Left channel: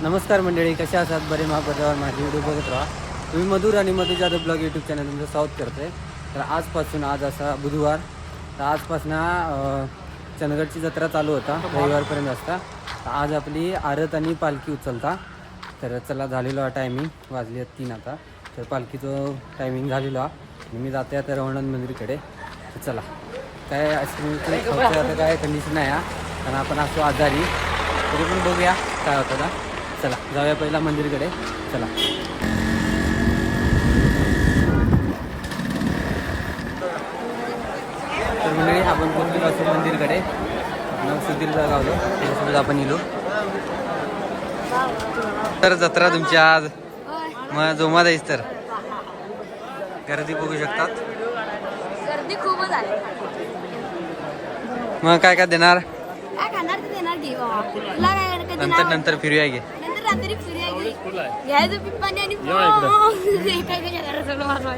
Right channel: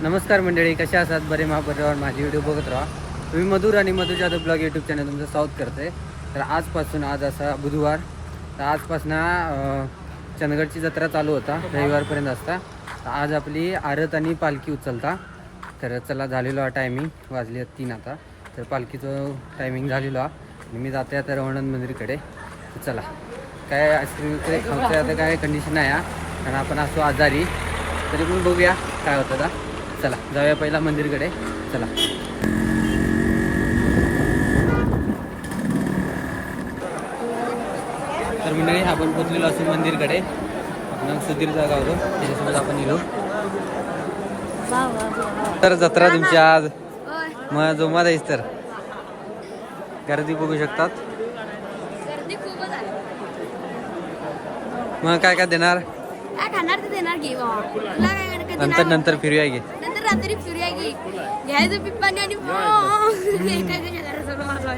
नमस्कार मंडळी, कशा आहात? बरे महापर्यावर माझी व्हिडिओ बघत राहा. तुम्ही मधुर आणि मधु जाधव ब्लॉग यूट्यूब चॅनल तुमचं स्वागत करते. तर आजपासून आज असा बुधवार, तर आजपासून चंदगडची जत्रा चालू होता, रविवारपर्यंत असता. तर आज आपली आरत आणि पालखी उचलता. तर चला, झालेलो हा टायमिंग, वाजले 3 आता. तर पालखीचं टायमिंग झालेलो हा आणि मी जाते आता रवणंद मंदिरकडे. तर चला, काय आईस्क्रीम खायचं आता काय कंडिशन आहे हा, कारण आपण असतो आजारी, तरी पण बघूया काय होतं का. चला जाऊया पहिला मंदिरकडे. चला, तर मंडळी आपण पोचलेलो असतो मंदिरकडे. आपण सुधीरचा गावलो, त्याच्यासोबत आपण गेलो. तर जत्रा तुमची आज मग जोमात आहेस, तर गर्दी बघू शकतात. गर्दी खूपच आहे. मग काय काय देणार? काय खाणार ते देणार घे बाबा. तुला काय करायचं? नंतर फिरूया गे. नंतर रात्री फिरूया घे. घ्यायचं पिप्पाने आणि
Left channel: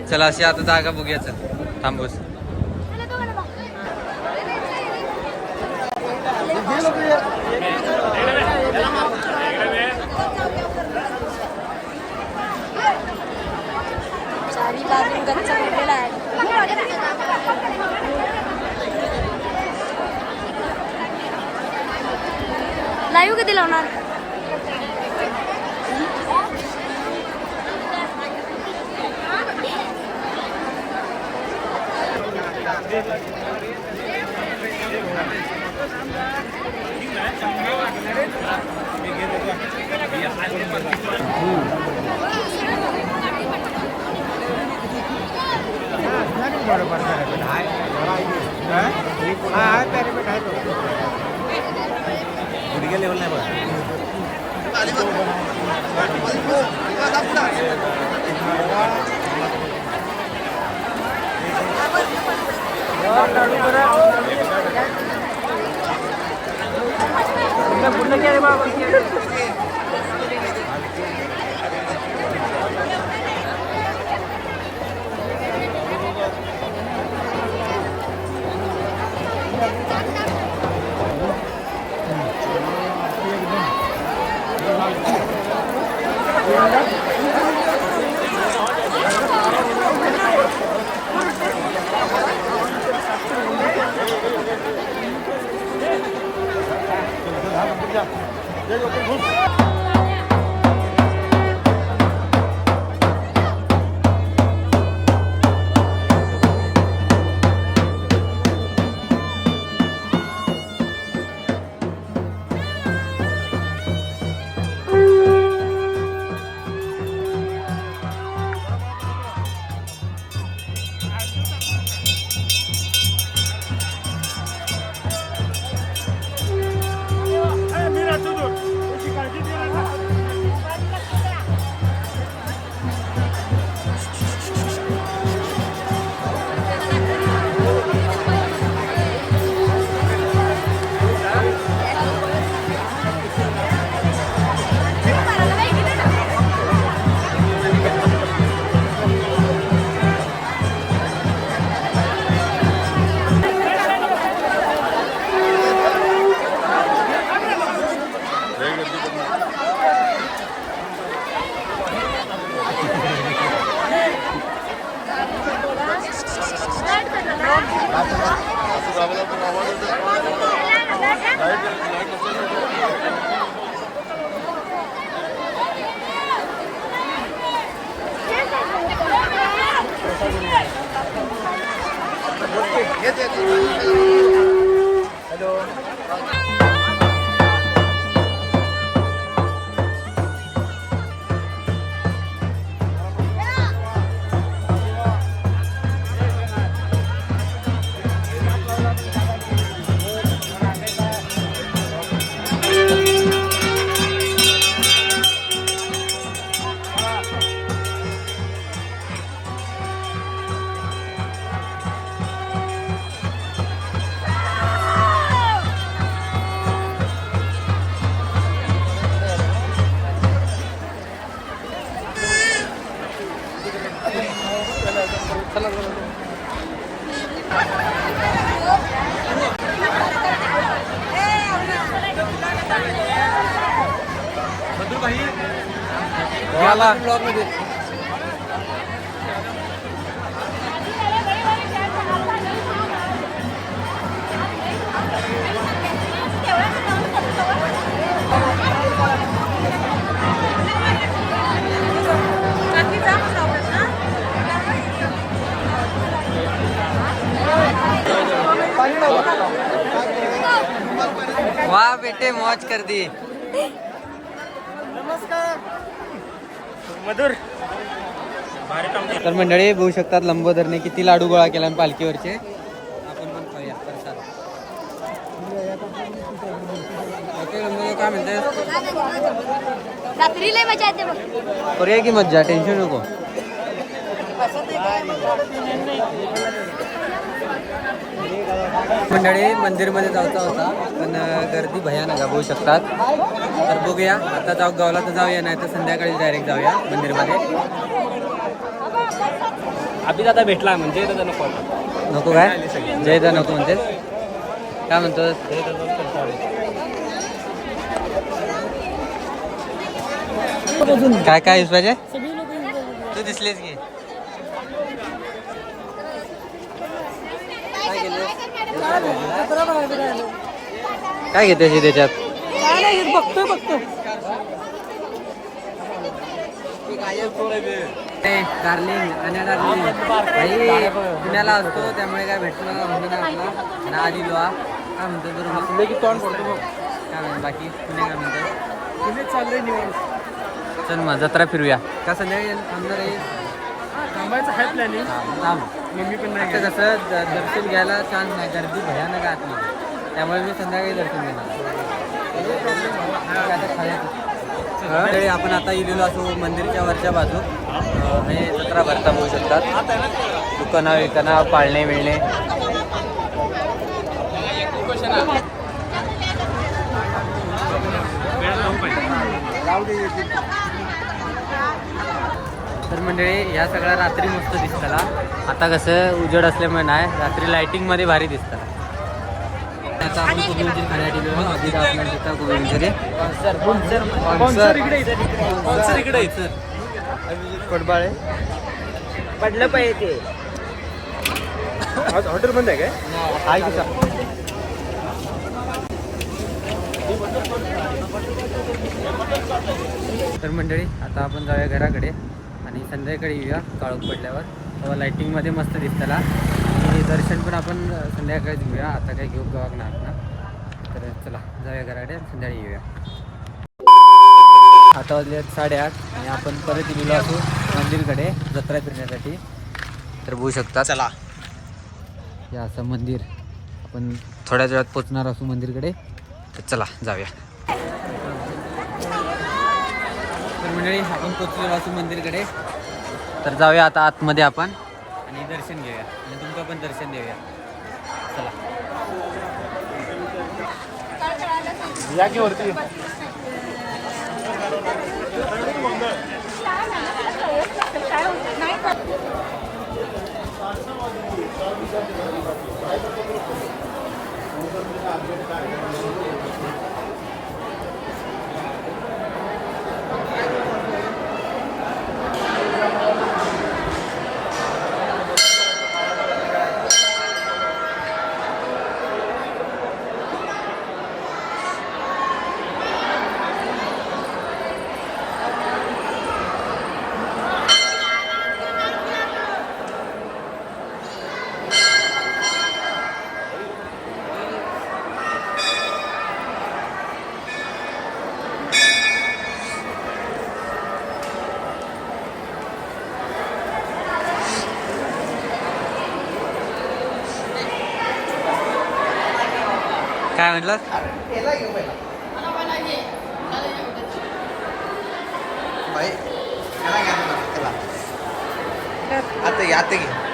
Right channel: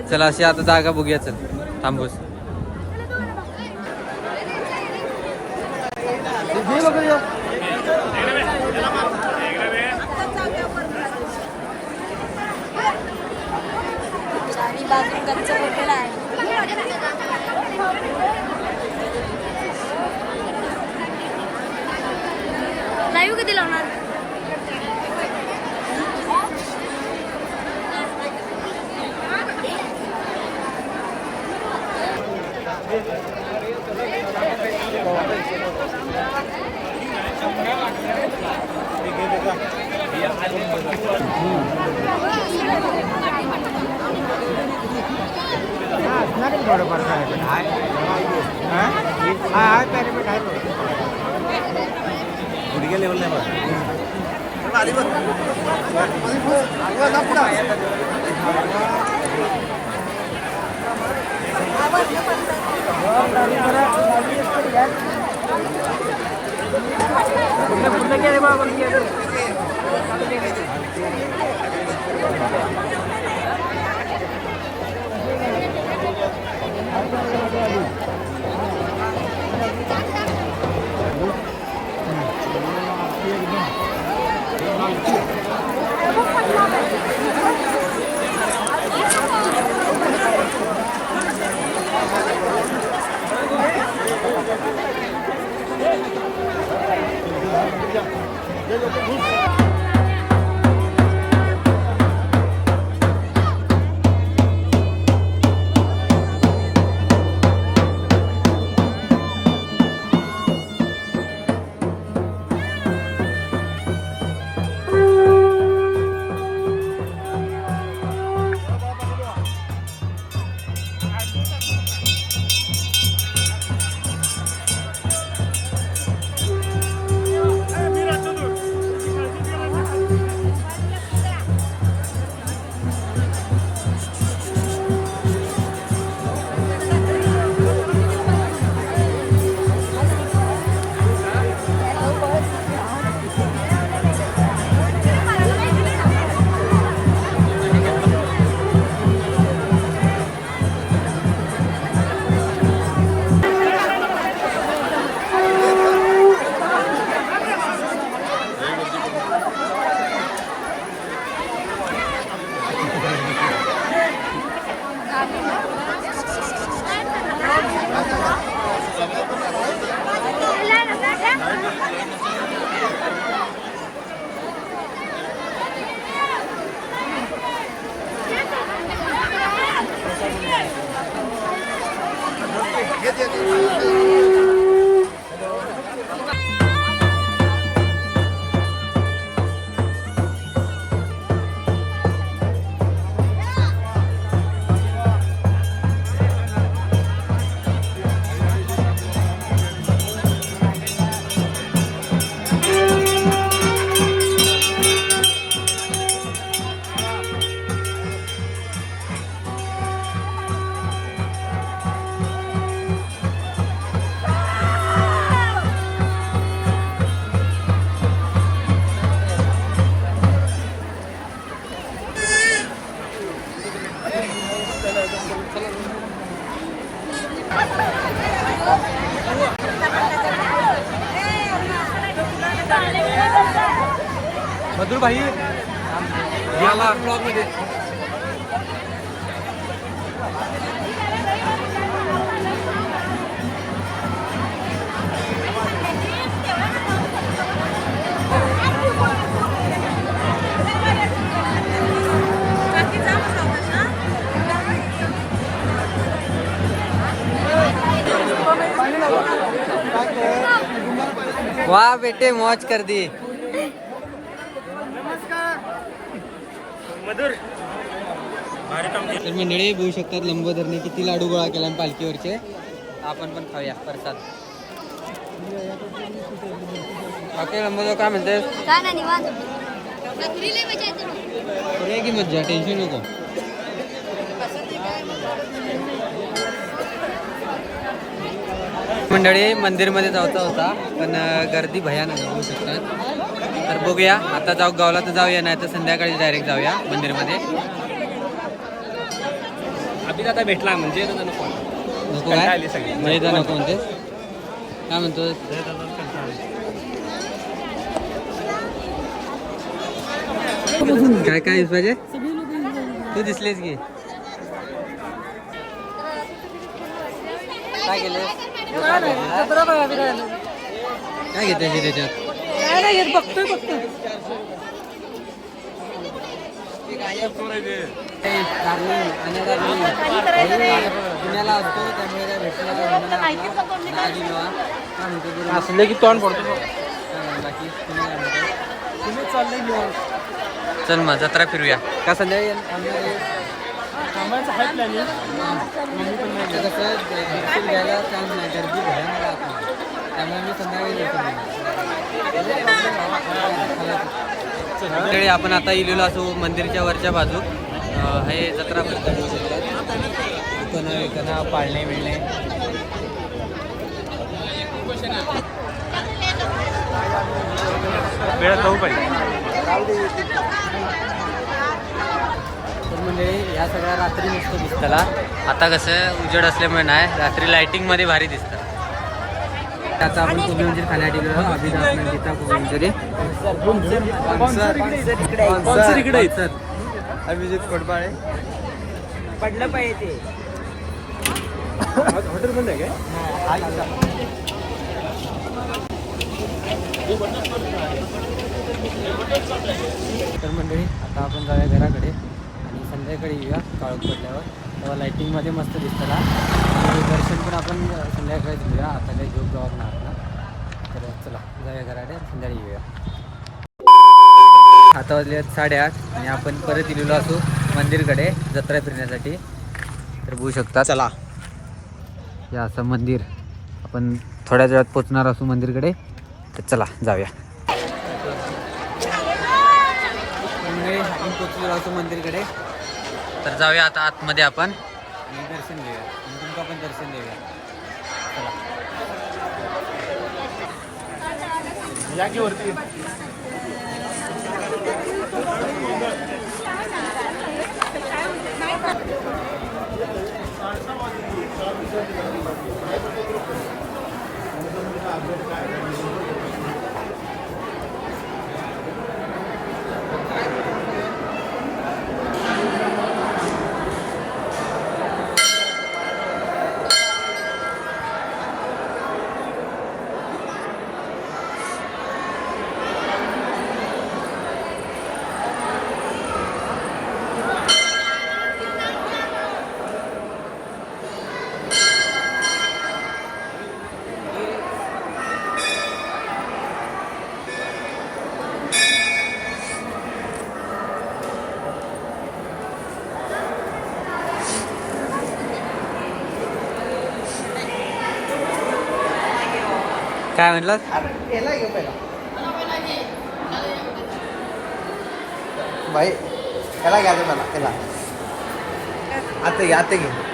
चला, अशी आता जागा बघूया. चल थांबूस. सारी बाजून गच्च भरलेला आहे. लाईव्ह कधी लावणार? थोडंफार पॅरेपेट आहे, पॅरेपेट आहे थोडं, गुडघ्या लेवल नाही बघा. पुढलं गेले बाबा. भाई ब्लॉग मध्ये वाह बेटे मौज कर दी. तर मंडळी बघू शकतात लंबोदरने किती लाडू गोळा केला पालखीवरचे. आपण पण खाऊया प्रसाद. ओके लंबोदर काय म्हणते? काय नाही निवांत. रात्री लय मजा येते बघ. करूया की मज्जा, टेन्शन नको. मंडळी मंदिरमध्ये जायचा होता पण गर्दी भयानक बघू शकतात. तर बघूया आता जाऊ गावला तर जाऊया नाही तर संध्याकाळी डायरेक्ट जाऊया मंदिरमध्ये. अभिदादा भेटला म्हणजे नको नको काय जयदा नको म्हणतेस काय म्हणतोस? काय काय पाहिजे तू दिसलेस की काय केलं काय घेते त्याच्यात काय नाही घेत बघतोय डार्लिंग आणि डार्लिंग भाई पुण्याला असतो त्यामुळे काय भेटलं का म्हणून आपला ना दिलो हा काय म्हणतो बरोबर जिंदगी तोंड पडतो बघ. काय बाकी पुणे काय म्हणतो? पुणे चाललंय निवांत. चल मग जत्रा फिरूया का संध्याकाळी थांबणार आहे? थांबायचं आहे प्लॅनिंग. मम्मी पण नाही कसं दर्शन घ्यायला चान्स नाही गर्दी भयानक आतमध्ये त्यामुळे मी संध्याकाळी दर्शन घेणार. नो प्रॉब्लेम खायचं. आपण आता इलेलो असो मंदिरच्या वरच्या बाजू हे जत्रा भरता बघू शकतात. दुकानं पाळणे मिळणे तर मंडळी या सगळ्या रात्री मस्त दिसताला. आता कसं उजेड असल्यामुळे नाही रात्री लाइटिंग मध्ये भारी दिसताला. आता आपण कोबी मंचुरी खाण्यात गेलो अभिदासमेंट तिथं कोबी मंचुरी पडलं पाहिजे ते हॉटेल बंद आहे काय? तर मंडळी आता आपण जाऊया घराकडे आणि संध्याकाळी येऊया काळोख पडल्यावर तेव्हा लाईटिंगमध्ये मस्त दिसताला. आणि दर्शन पण आपण संध्याकाळी घेऊया आता काही घेऊ गावात ना आपण. तर चला जाऊया घराकडे संध्याकाळी येऊया. आता वाजले 8:30 आणि आपण परत गेलेलो असू मंदिरकडे जत्रा फिरण्यासाठी. तर बघू शकता चला हे असं मंदिर आपण थोड्याच वेळात पोचणार असू मंदिरकडे. तर चला जाऊया. मंडळी आपण पोचलेलो असू मंदिरकडे. तर जाऊया आता आतमध्ये आपण आणि दर्शन घेऊया आणि तुमका पण दर्शन देऊया. चला जागेवरती काय म्हटलं? बाई त्याला घ्या तुम्हाला त्याला आता घे आता घे.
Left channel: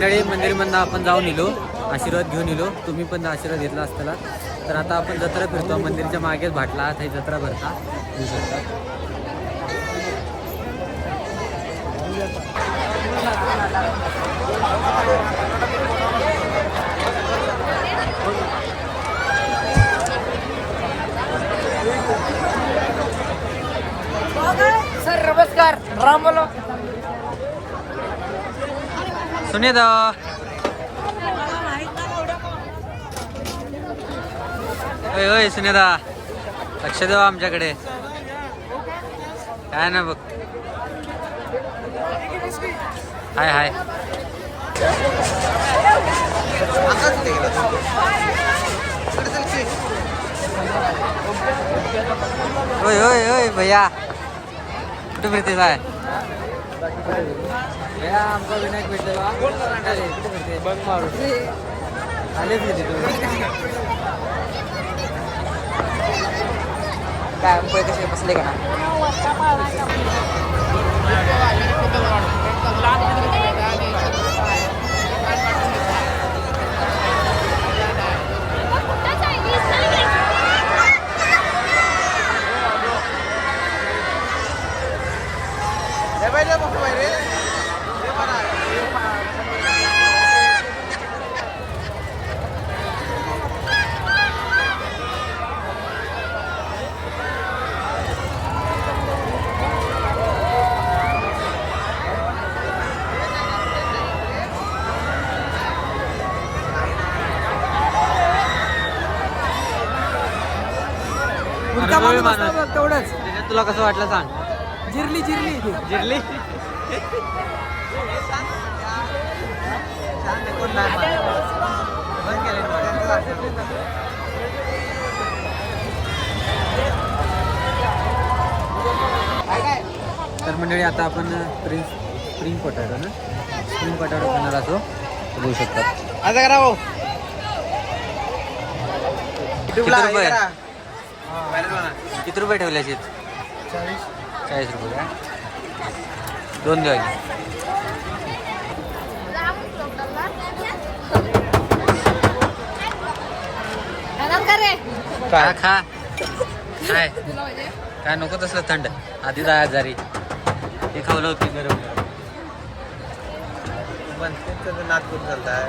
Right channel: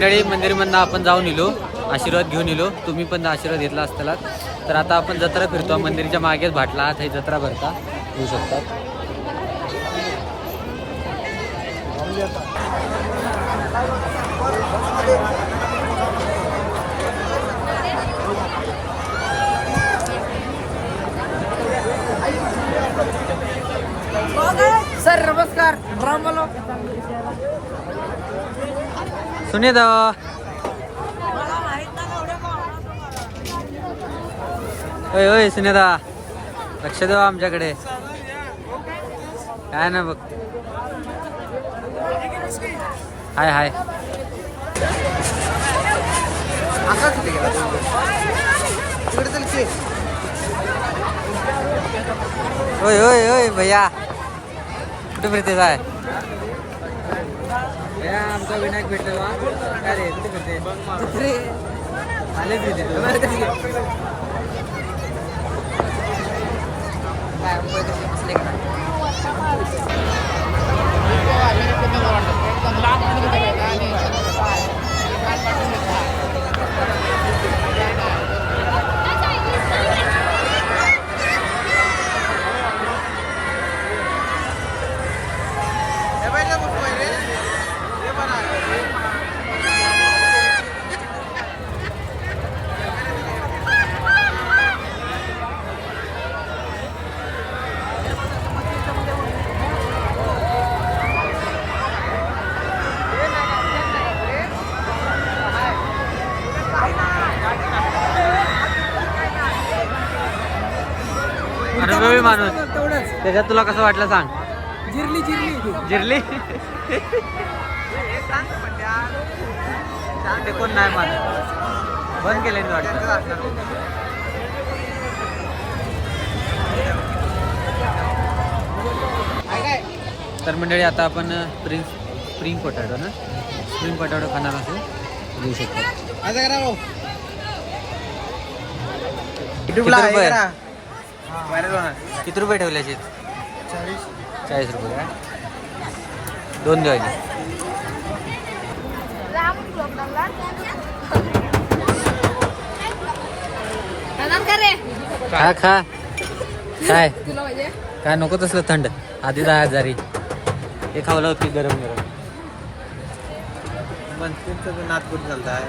मंडळी मंदिरमधनं आपण जाऊन येलो, आशीर्वाद घेऊन येलो. तुम्ही पण आशीर्वाद घेतला असताना. तर आता आपण जत्रा फिरतो. मंदिरच्या मागेच भाटला काही जत्रा भरता येऊ शकतात. सर नमस्कार, राम बोलो. सुनेदा होय होय सुनेदा लक्ष देवा आमच्याकडे. काय ना बघ. हाय हाय. होय होय होय भैया कुठे फिरते काय? आमचा विनायक भेटलेला. काय रे कुठे फिरते? आले फिरते बसले का? अनुभवी माणूस तेवढंच. त्याच्यात तुला कसं वाटलं सांग. जिरली जिरली जिरली ते कोण नाही माणूस बंद केले वाटतं. तर मंडळी आता आपण स्प्रिंग पोटॅटो ना स्प्रिंग पोटॅटो खाणार असो घेऊ शकतात. आता करा भाऊ. किती रुपये किती रुपये ठेवले? 40 रुपये काय? 2 द्या. खा खा काय काय नको तसं थंड आधी जा घरी. हे खावलं होती गरम गरम. नाच करून चालताय.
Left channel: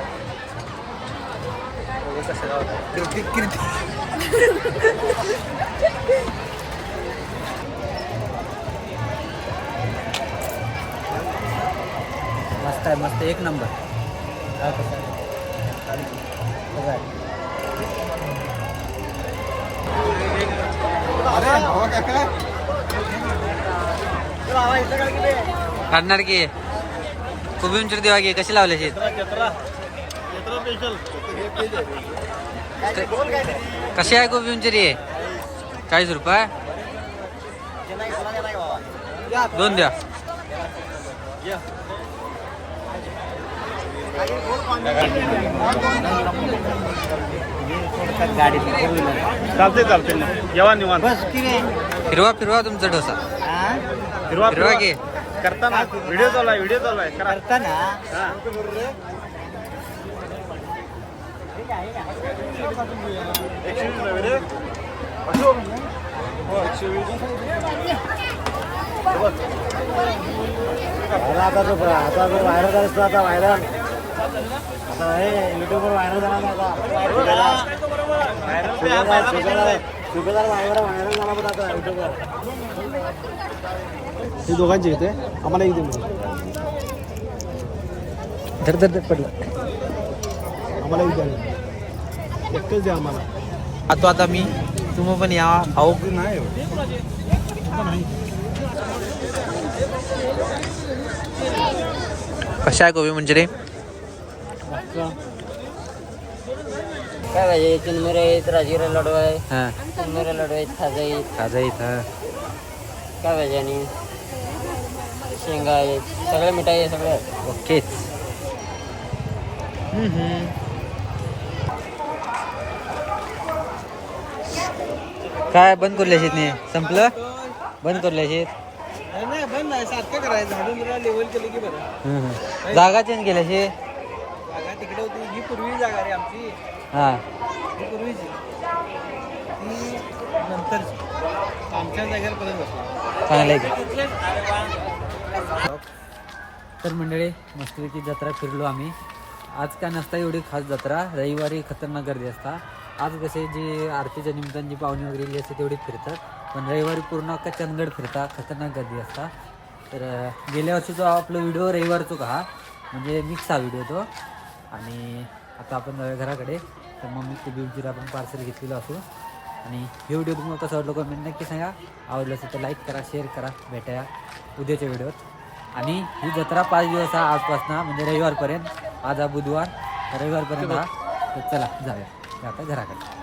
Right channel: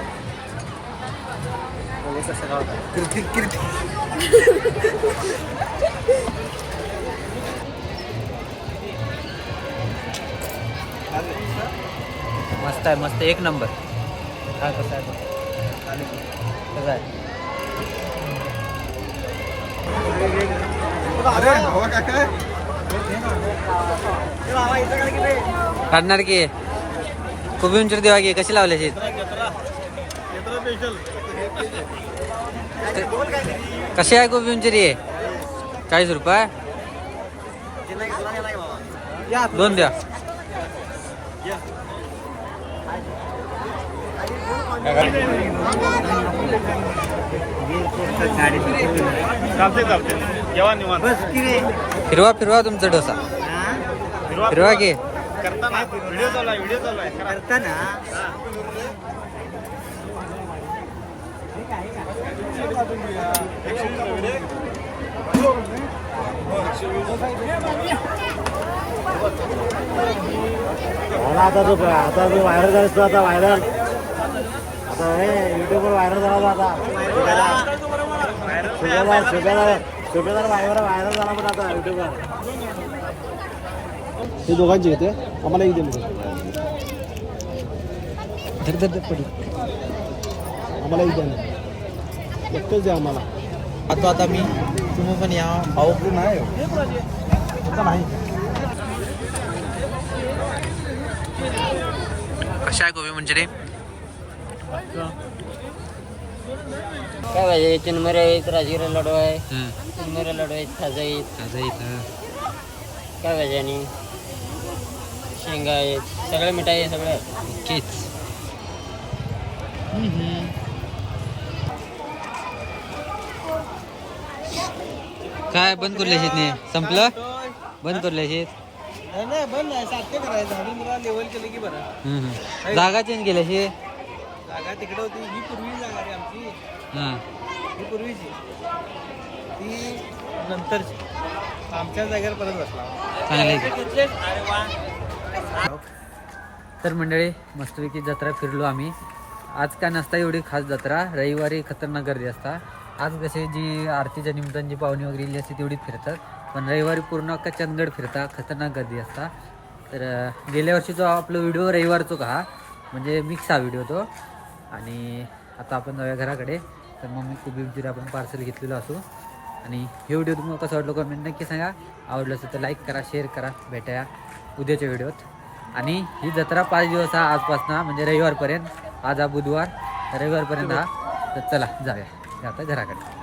मस्त आहे मस्त एक नंबर. काय कसं आहे कसं आहे? अरे भावा काका काढणार की कोबी उंचीर देवा की कशी लावले शेत? कशी आहे कोबी उंचीरी? 40 रुपये. 2 द्या. फिरवा फिरवा तुमचा डोसा फिरवा की. करताना व्हिडिओ चालू आहे करताना. आता जो व्हायरल झाला असतो आता व्हायरल आता हे युट्यूबवर व्हायरल झाला आता शुभेदार व्हायरल झाला की आता युट्यूबवर. हे दोघांचे येते आम्हाला एक दे धर धर धर पडला. आम्हाला एक द्या एकच द्या आम्हाला. आता मी तुम्ही पण या भाऊ नाही नाही. कशा आहे कोबी मंचुरी? काय पाहिजे? चिनमिरे आहेत, राजगिरा लाडू आहे, हां चिनमिरे लाडू आहेत, खाजा आहेत. खाजा इथं काय पाहिजे? आणि शेंगा आहेत, सगळे मिठाई आहे सगळे. ओकेच. काय बंद करले शेत नाही संपलं? बंद करले शेत? नाही बंद नाही सारखं करायचं लेवल केले की बरं. जागा चेंज केल्या शे तिकडे होती ही पूर्वी जागा रे आमची हां ही पूर्वीची ती नंतरची आमच्या जागेवर परत बसलो चांगलं आहे की. तर मंडळी मस्तपैकी जत्रा फिरलो आम्ही. आज काय नसता एवढी खास जत्रा, रविवारी खतरनाक गर्दी असता. आज कसे जी आरतीच्या निमित्ताने जी पाहुणी वगैरे इली असते तेवढीच फिरतात, पण रविवारी पूर्ण अख्खा चंदगड फिरता, खतरनाक गर्दी असता. तर गेल्या वर्षीचा आपला व्हिडिओ रविवारचो का हा, म्हणजे मिक्स हा व्हिडिओ तो. आणि आता आपण जाऊया घराकडे. तर मम्मी कुबीबजीला आपण पार्सल घेतलेलं असू. आणि हे व्हिडिओ तुम्हाला कसं वाटलं कमेंट नक्की सांगा. आवडलं असेल तर लाईक करा, शेअर करा. भेटूया उद्याच्या व्हिडिओत. आणि ही जत्रा 5 दिवस हा आजपासून, म्हणजे रविवारपर्यंत. आज हा बुधवार, रविवारपर्यंत हा. तर चला जाऊया आता घराकडे.